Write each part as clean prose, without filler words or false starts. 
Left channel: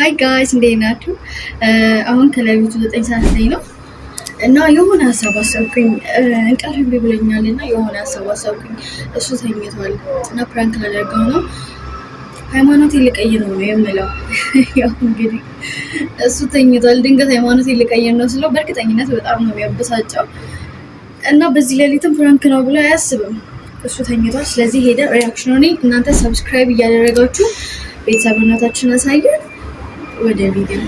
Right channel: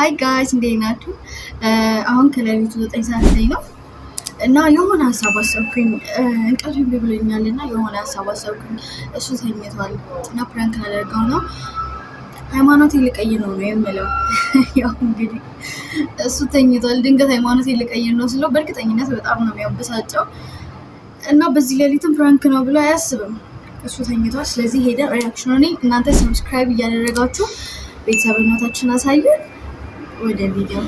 ሀይ ጋይስ እንዴት ናችሁ? አሁን ከሌሊቱ 9 ሰዓት ላይ ነው እና የሆነ ሀሳብ አሰብኩኝ። እንቅልፍ እምቢ ብሎኛል እና የሆነ ሀሳብ አሰብኩኝ። እሱ ተኝቷል እና ፕራንክ ላደርገው ነው። ሃይማኖቴን ልቀይር ነው የምለው። ያው እንግዲህ እሱ ተኝቷል። ድንገት ሃይማኖቴን ልቀይር ነው ስለው በእርግጠኝነት በጣም ነው የሚያበሳጨው እና በዚህ ሌሊትም ፕራንክ ነው ብሎ አያስብም። እሱ ተኝቷል። ስለዚህ ሄደ ሪያክሽኑን እናንተ ሰብስክራይብ እያደረጋችሁ ቤተሰብነታችሁን አሳዩን። ወደ ቪዲዮ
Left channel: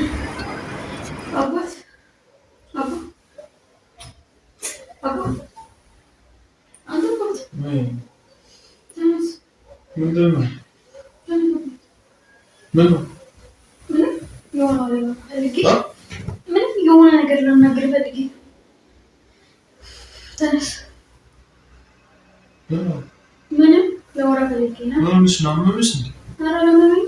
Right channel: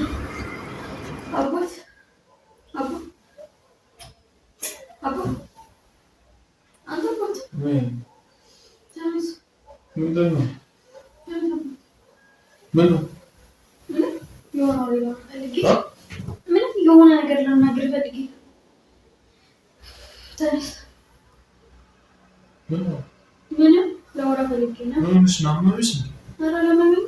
የሆነ ነገር ለመናገር ፈልጌ ተነስ። ምንም ለወራ ፈልጌ ነው። ምንሽ ነው? ምንሽ ነው? ኧረ ለምን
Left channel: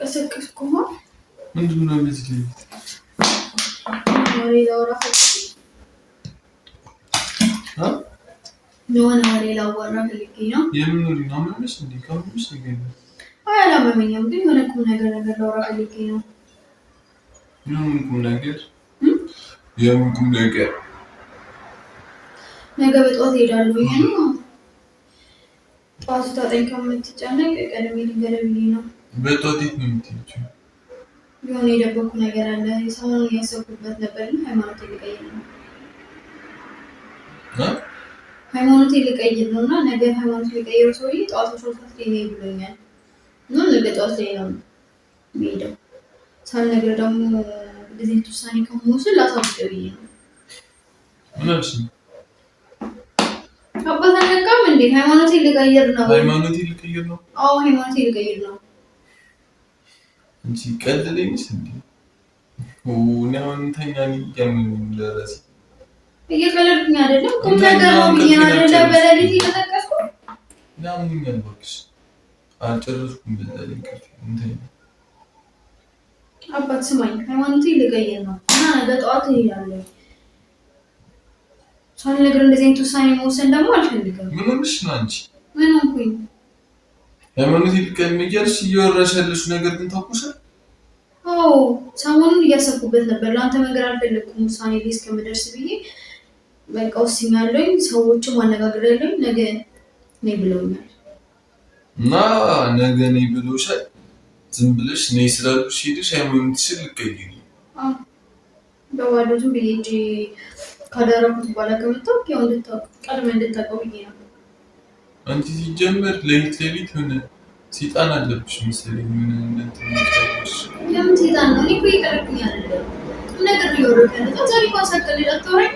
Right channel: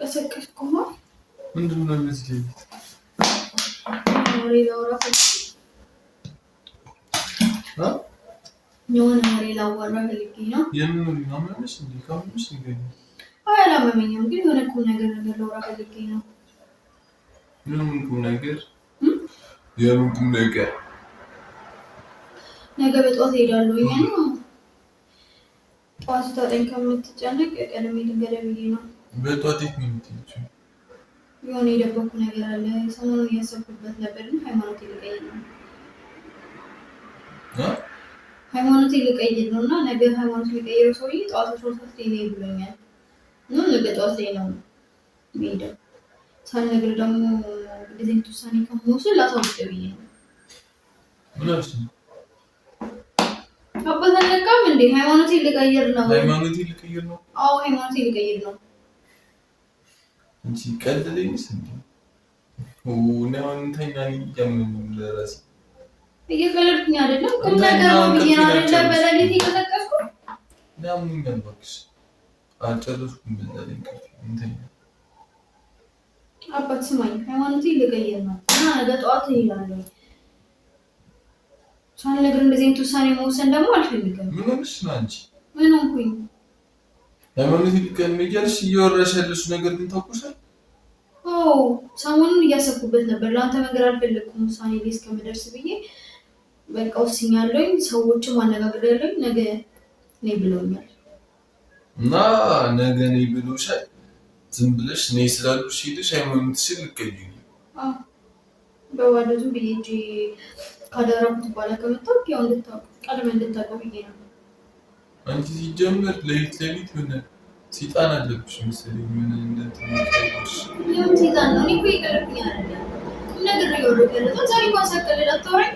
ቀሰቀስኩ? ምንድን ነው እንደዚህ ላይ የሆነ ወሬ ላወራ ፈልጌ ነው። የምን ወሬ ነው? አመመሽ እንዴ? ካመመሽ ንገሪኝ። አይ አላመመኝም፣ ግን የሆነ ቁም ነገር ላወራ ፈልጌ ነው። የምን ቁም ነገር? የምን ቁም ነገር? ነገ በጠዋት እሄዳለሁ ነው። ጠዋት ታጠኝ ከምትጨነቅ ቀደም ልንገርህ ብዬ ነው። በጠዋት የት ነው የምትሄጂው? የሆነ የደበኩ ነገር አለ። ሰሞኑን እያሰብኩበት ነበር እና ሃይማኖቴን ልቀይር ነው። ሃይማኖቴን ልቀይር ነው እና ነገ ሃይማኖቴን ልቀይረው ሰውዬ ጠዋት 12 ላይ ነው ብሎኛል እና ነገ ጠዋት ላይ ነው የምሄደው። ሳልነግረው ደግሞ እንደዚህ አይነት ውሳኔ ከመወስን ላሳውቅህ ብዬ ነው። ምናልሽ አባት አልነቃም እንዴ? ሃይማኖቴን ልቀይር ነው። ሃይማኖቴን ልቀይር ነው? አዎ ሃይማኖቴን ልቀይር ነው። እንጂ ቀልለኝስ እንዴ? ነው እንተኛ ለምን ለራሴ እየቀለድኩኝ አይደለም። ቁም ነገር ነው ብዬ አይደለም በሌሊት እየተቀስኩ ነው። ምን ያልባክሽ አልጨረስኩም። በዛላይ እንቅልፍ እንተኛ። አባት ስማኝ፣ ሃይማኖቴን ልቀይር ነው እና ነገ ጠዋት እሄዳለሁ። ሳልነግርህ እንደዚህ አይነት ውሳኔ መወሰን ደግሞ አልፈልግም። ምን ሆነሽ ነው አንቺ? ምን ሆንኩኝ? ሃይማኖቴን ልቀይር እያልሽ እያወራሽ ያለሽ ነገር ግን ታውቁሻል? አዎ ሰሞኑን እያሰብኩበት ነበር። ለአንተ መንገር አልፈለግኩም። ውሳኔ ላይ እስከምደርስ ብዬ በቃ ወስኛለሁኝ። ሰዎችም አነጋግሬያለሁኝ። ነገ ነይ ብለውኛል እና ነገ ነይ ብሎሻል። ዝም ብለሽ ነይ ስላሉሽ ሄደሽ ሃይማኖትሽን ልቀይሪ? አዎ በባዶ ዝም ብዬ እንጂ ካደረኩት በኋላ ከመጣሁ ያው እንድታውቅ ቀድመህ እንድታውቀው ብዬ ነው። አንቺ ሲጀመር ሌሊት ሆነ ሰይጣን አለብሽ መሰለኝ። ምን እንደምትነግሪሽ ለምን ሰይጣን ነው? እኔ እኮ ይቀርብኝ አይደለም ነገር ነው ያወራከለ። ዛሬ ማሳቀል አታወራኝ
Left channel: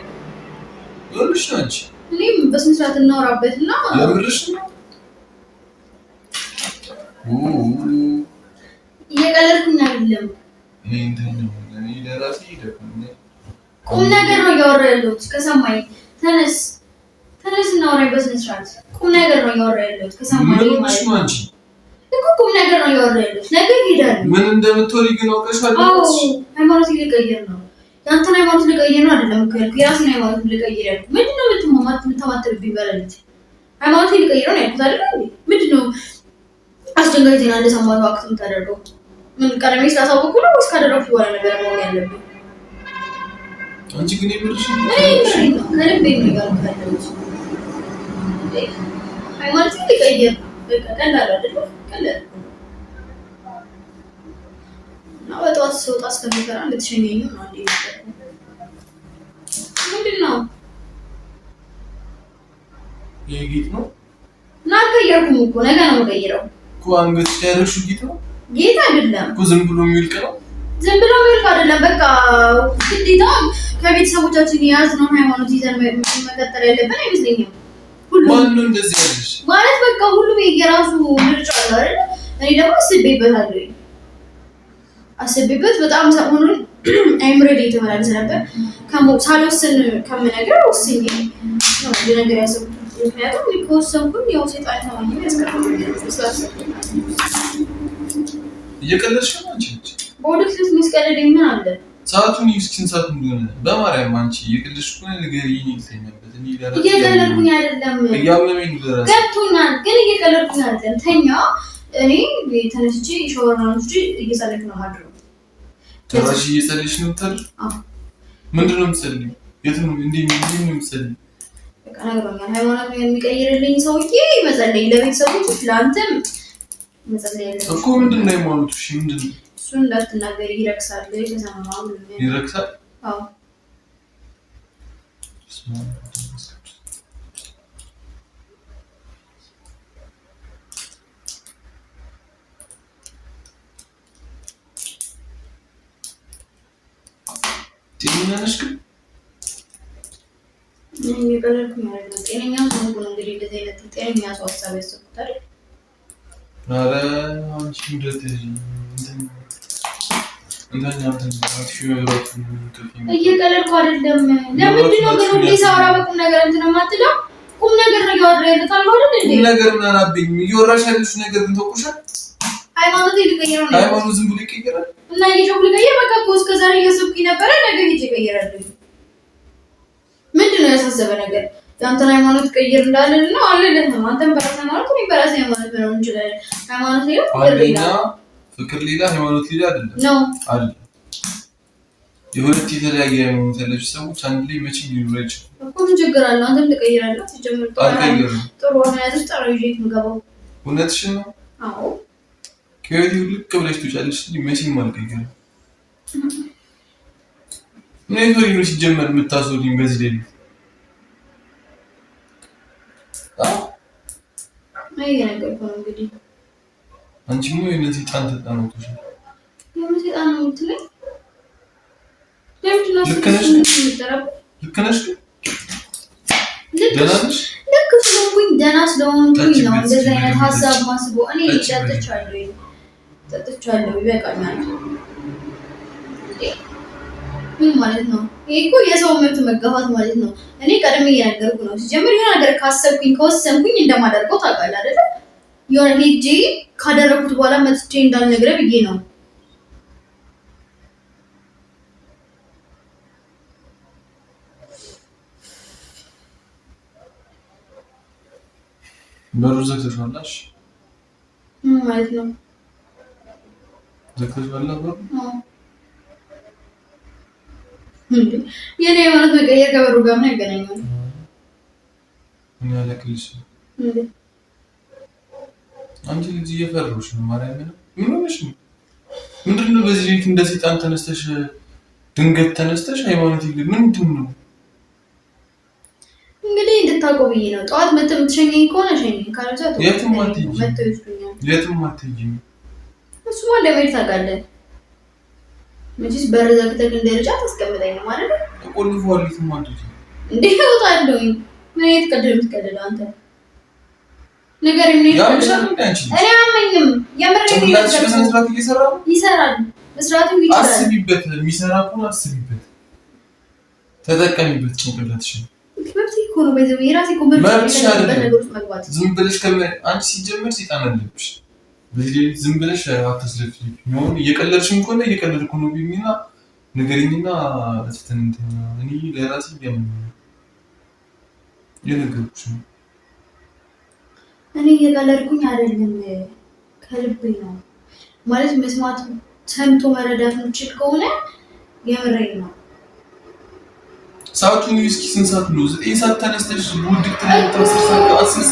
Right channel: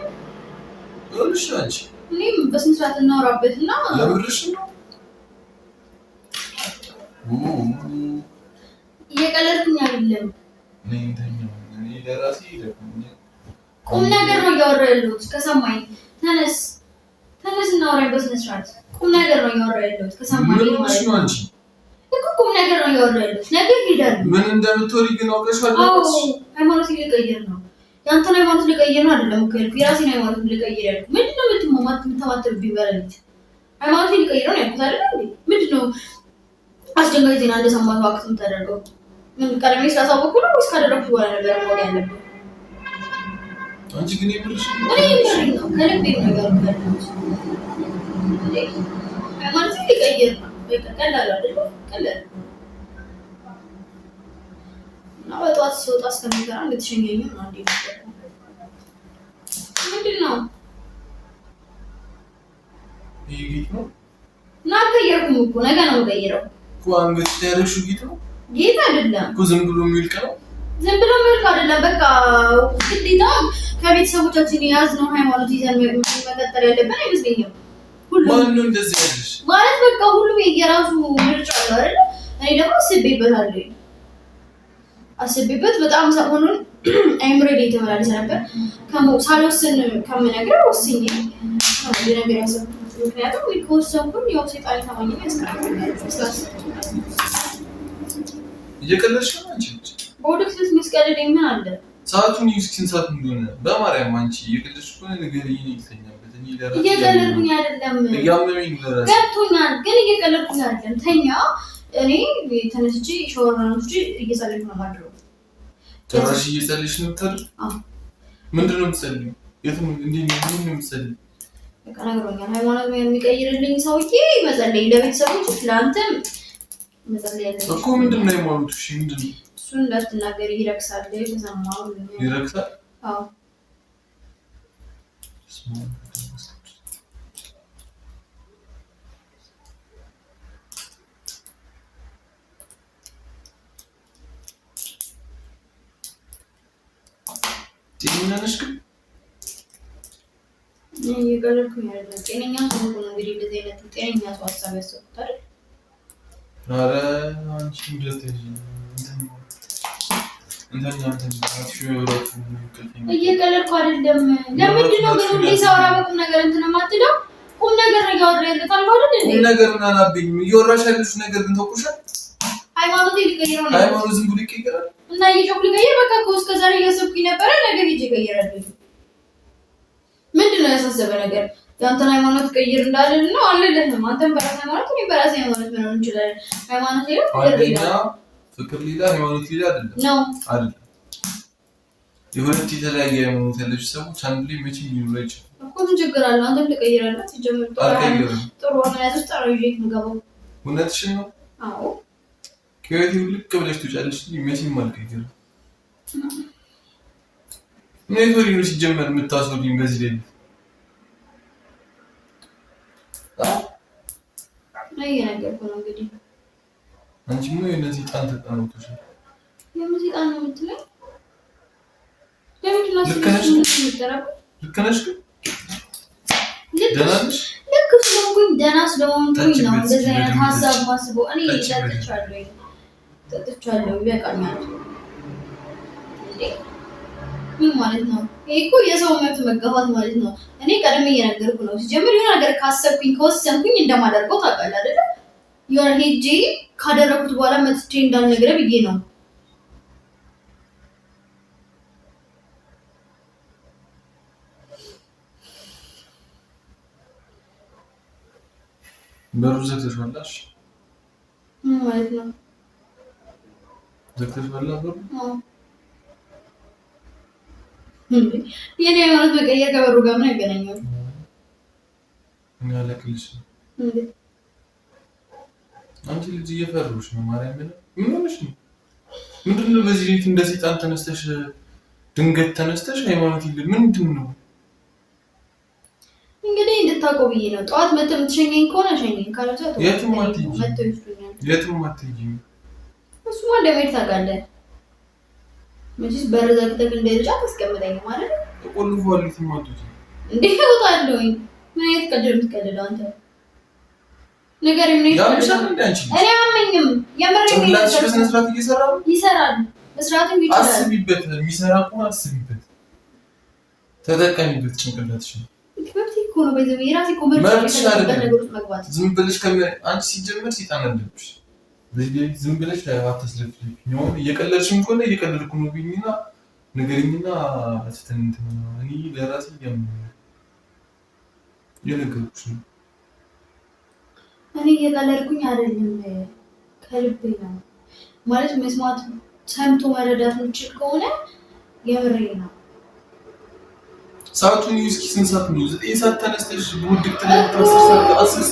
ወልሽ አንቺ። እኔም በስነ ስርዓት እናወራበትና ለምርሽ ነው። እየቀለድኩኝ አይደለም። እኔ እኔ ለራሴ ይደርኩኝ ቁም ነገር ነው እያወራሁ ያለሁት። ከሰማኝ ተነስ እናወራኝ በስነ ስርዓት። ቁም ነገር ነው እያወራሁ ያለሁት። ከሰማኝ ማለት ነው አንቺ እኮ ቁም ነገር ነው እያወራሁ ያለሁት። ነገ እሄዳለሁ። ምን እንደምትወሪ ግን አውቀሻል? አዎ ሃይማኖቴን ልቀይር ነው። ያንተን ሃይማኖት ልቀይር ነው አይደለም እኮ ያልኩት። የራሴን ሃይማኖት ልቀይር ያልኩት። ምንድነው የምትማማትብኝ? በሌሊት ሃይማኖቴን ልቀይር ነው ያልኩት አይደል እንዴ? ምንድነው አስደንጋጭ ዜና እንደሰማሁ አክት የምታደርገው? ምን ቀደም ስላሳወቅኩ ነው ወይስ ካደረኩት በኋላ ነገር ማወቅ ያለብኝ? አንቺ ግን ይብርሽ ነው ከልቤ ነው ያልኩት። ሃይማኖቴን ልቀይር ነው በቃ ቀላል አይደል? ቀላል ነው። በጠዋት ስወጣ እስከሚፈራ እንድትሸኘኝ ነው አንዴ ይፈራ። ምንድን ነው ይሄ ጌጥ ነው? እና አልቀየርኩም እኮ ነገ ነው የምቀይረው እኮ። አንገትሽ ላይ ያደረግሽው ጌጥ ነው? ጌጥ አይደለም እኮ ዝም ብሎ የሚውልቅ ነው። ዝም ብሎ የሚውልቅ አይደለም። በቃ ግዴታ ከቤተሰቦቻችን የያዝነው ሃይማኖት ይዘን መቀጠል ያለብን አይመስለኝም። ሁሉም እንደዚህ ያለሽ ማለት በቃ ሁሉም የራሱ ምርጫ አለው አይደል? እኔ ደግሞ አስቤበት በጣም ሰሞኑን አይምሮ ላይ ተመላለሰ ነበር። ሳልወስን ከምነግር ወስኜ ነው ነገር ያሰብኩት። ምክንያቱም ከወሰንኩኝ ያው ሰይጣን ታማኝ ያስቀርልኛል ስላሰብኩኝ። እየቀለድሽ ነው አንቺ። በወደፊት መስቀለደኝ ምን አለ? ሰዓቱን ይስኪን ሰዓት እንደሆነ በማርያም አንቺ የቅልሽ እኮ ነገር ይልተኛበት እኔ ለራሴ እየቀለድኩኝ አይደለም ያምነኝ ለራሴ ገብቶኛል ግን እየቀለድኩኝ አይደለም ተኛ እኔ ተነስቼ ሻወር አንስቼ እየጸለይኩ ነው ማድረው ተራጂ እየጸለይሽ ነው ተር ምንድነው የምትጸልይ የት ነው እንዴ ነው የምትጸልይ በቃ ነገርኛል ሃይማኖት የሚቀይርልኝ ሰውዬ መጸለይ ለቤተሰቦች ለአንተም መጸለይ እኮ ምንድነው ሃይማኖቱ እሺ ምንድነው እሱን እንዳትናገር ይረክሳል የተሰማው ይረክሳል አዎ ጤነኛሽ ግን የቀለድኩኝ አይደለም ጤነኛ ሰው ነው እንግዲህ እንደዚህ አይነት ጤነኛ ሰው ሀሳብ ያሰብኩት አይደል ኧረ አንቺ እንደዚህ እየቀለድኩ አይደለም ለምንድን ነው ግን ሁሌ ሳወራ በቁም ነገር እንትን የማትለው ቁም ነገር ነው እያወራ ያለታል አይደል እንዴ ቁም ነገር ምን አላብኝ እያወራሽ ያለሽ ነገር ግን ተቆሻል ሃይማኖት ይልቀየር ነው ሃይማኖት ዝም ብሎ ይቀየራል እና ይሄው ልቀየር በቃ እኮ እስከ ዛሬ እያሰብኩኝ ነበር ነገር ይዤ እቀይራለሁ ምንድነው ያሳሰበ ነገር ያንተን ሃይማኖት ቀይር እንዳለን ነው አለልህም አንተም በራስህ ሃይማኖት እኔ በራሴ ሃይማኖት ነው እንችላለን ሃይማኖት ሌላ ፍቅር ሌላ ሃይማኖት ሌላ አይደለም ነው አይደለም የሁለት የተለያየ ሃይማኖት ያላችሁ ሰዎች አንድ ላይ መቼም ሊኖር አይችልም እኮ ምን ችግር አለ አንተም ትቀይራለህ ሲጀምር ጥሩ ሆነ ያዝሽ ጠራ ይዤ የምገባው እውነትሽን ነው አዎ ከቤት ልክ ብለሽ ትውጫለሽ መቼም አልቀይርም ምን ነው ሲጀመር የምታስወሪኝ በዚህ ላይ አይ ነገር ነው እንግዲህ አንቺ ምን እነዚህ ጣን ተጣኖች የምትጣን ነው የምትለኝ ለምንድን ነው ልክ ስለሆንኩኝ ደህና ስለሆንኩኝ ነው እንደዚህ አይነት ሀሳብ ማስበው እኔ ጠጥቻለሁ ይበቃኛል ምን ማለት ነው ይሄ እኮ የሰው መብት መጋፋት ማለት ነው እኔ ቀደም እየነገርኩ ነው ሲጀምር የሆነ ነገር ካሰብኩኝ ከወሰንኩኝ እንደማደርገው ታውቃለህ አይደል የሆነ ሄጄ ካደረኩት በኋላ መጥቼ እንዳልነግረህ ብዬ ነው በሩዝ ዘግተሻላሽ ማለት ነው ዘግተሻል ነበር የኔ ሃይማኖት መቀየር ከበሩ ጋር ምን ያገናኛል ምን ያለክልሽ አንቺ ልጅ እየፈረሽ ነው ማርያም ምን ሆነሽ ነው ምንድነው በዚህ ቤት እንደ ሰይጣን ተነስተሽ ድንገት ተነስተሽ ሃይማኖት ይል ምንድነው እንግዲህ እንድታቆብ ብዬ ነው ጧት መተህ የምትሸኘኝ ከሆነ ሸኘኝ ካልዛ የትም አትሄጂም እሱማ ለምን ታውቃለህ መቼስ በር ዘግተህ እንደልጅ አታስቀምጠኝም አይደል ተቆልፏል የትም አትሄጂም እንዴ እወጣለሁኝ ምን አይነት ቀልድ የምትቀልደው አንተ ነገር ምን እኔ አመኝም የምሬን ነው በስነስርዓት ይሰራል መስራትም ይችላል አስቢበት የሚሰራ ከሆነ አስቢበት ተጠቀሚበት ጭንቅላትሽን ከብት እኮ ነው በዚህ የራሴ ኮምፒውተር ነገሮች መግባት ዝም ብለሽ አንቺ ሲጀምር ሰይጣን አለብሽ በዚህ ዝም ብለሽ አትስለፊ ነው እየቀለድሽም ከሆነ እየቀለድኩ ነው ቢሚና ነገርኝና አስተንተኛ እኔ ለራሴ የነገርኩሽ ነው እኔ እየቀለድኩኝ አይደለም ከልቤ ነው ማለት መስማት ሰምቶ መረዳት የምችል ከሆነ የምሬን ነው ሰዓቱን እስኪ ስንት ሰዓት ነው 9 ሰዓት ተነስተሽ ውድቅ ተነስተሽ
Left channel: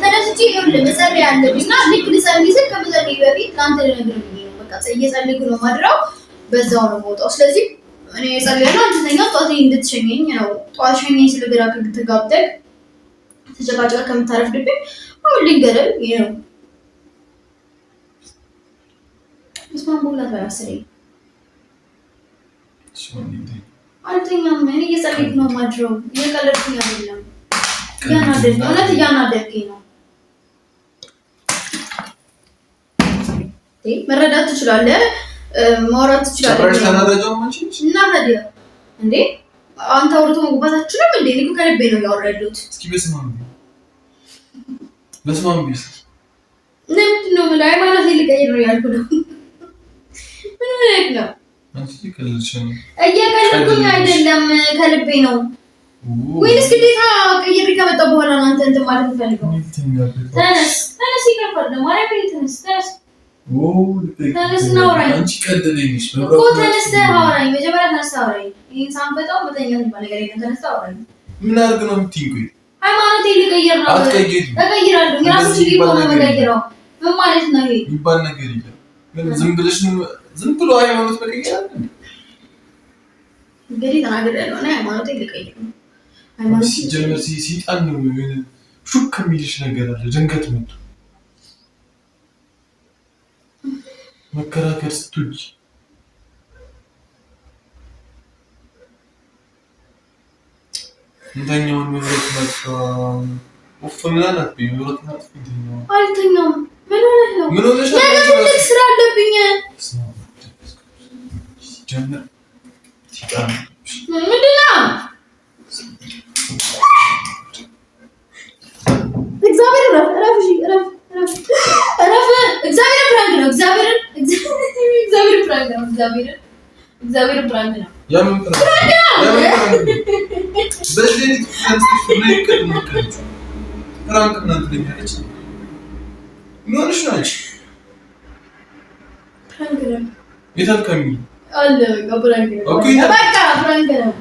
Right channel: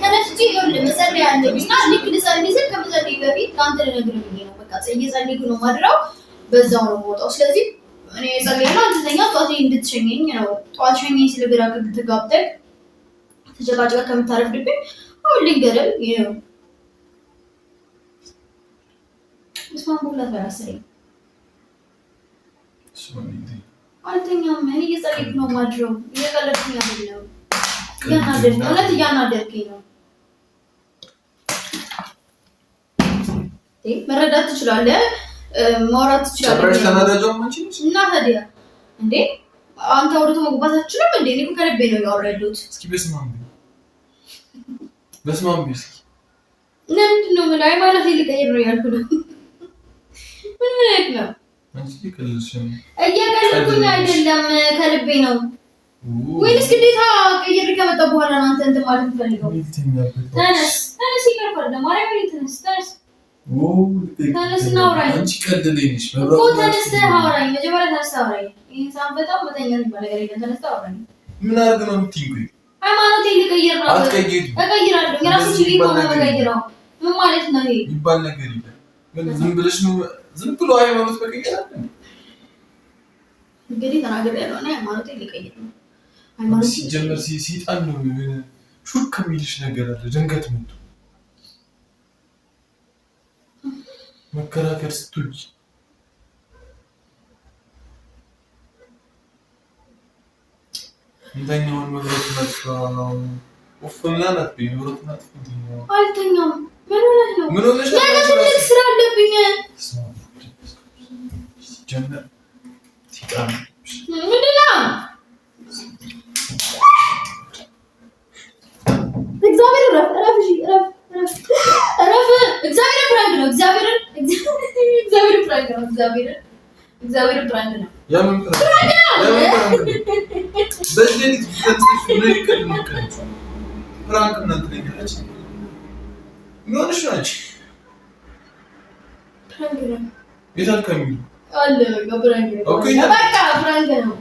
ተነስቼ ይኸውልህ መጸለይ አለብኝና ልክ ልጸልይ ስል ከመጸለይ በፊት ለአንተ ልነግርህ ብዬ ነው በቃ እየጸለይኩ ነው ማድረው በዛው ነው የምወጣው ስለዚህ እኔ እጸልያለሁ አንተ ተኛ ጧት እንድትሸኘኝ ነው ጧት ሸኘኝ ስል ግራ ከተጋብተህ ተጨቃጭቀህ ከምታረፍድብኝ አሁን ልንገርህ ይሄ ነው እስማን ቦላ ተራሰለኝ አልተኛም እኔ እየጸለይኩ ነው ማድረው እየቀለድኩኝ አይደለም እያናደድከኝ ነው መረዳት ትችላለህ ማውራት ትችላለህ እና ታዲያ እንዴ አንተ አውርቶ መግባታችንም እንዴ እኔ ከልቤ ነው ያወራሁት እስኪ በስማም ቢስ ምንድነው ምን ሃይማኖት ልቀይር ነው ያልኩት ነው ምን ማለት ነው አንቺ ይከልልሽ ነው እየቀለድኩኝ አይደለም ከልቤ ነው ወይስ ግዴታ ቀይሬ ከመጣ በኋላ ነው አንተ እንትን ማለት የምፈልገው ተነስ ይቀርባል ለማርያም ተነስ ተነስ እናውራኝ አንቺ ቀደደኝሽ እኮ ተነስተህ አውራኝ መጀመሪያ ተነስተህ አውራኝ ይሄን ሳንፈጣው መተኛት የሚባል ነገር የለም ተነስተህ አውራኝ ምን አድርግ ነው የምትይኝ ሃይማኖቴ ልቀይር ነው እቀይራለሁ የራስሽ ሊቆ ነው መቀየረው ምን ማለት ነው ይሄ ይባል ነገር የለም ዝም ብለሽ ነው ዝም ብሎ ሃይማኖት መቀየር አይደል እንግዲህ ተናግሬያለሁ እና ሃይማኖቴ ልቀይር ነው ሃይማኖት ሲጀመር ሲጣን ነው ሹክ የሚልሽ ነገር አለ ድንገት መጥቶ መከራከር ስትውጂ እንተኛውን መብረት መጣ ወፍናና ቢብረት ናት እንተኛው አልተኛም ምን ሆነሽ ነው ስራ አለብኝ ጀመር ሲጣን ምንድነው እግዚአብሔር ረፍ እግዚአብሔር ፕራንክ ነው ያምን በሌሊት ተንስተሽ ነው ፕራንክ እናንተ ለኛለች ምን ሆነሽ ነው አንቺ ፕራንክ ነው የታልከኝ አለ ፕራንክ ነው በቃ ፕራንክ ነው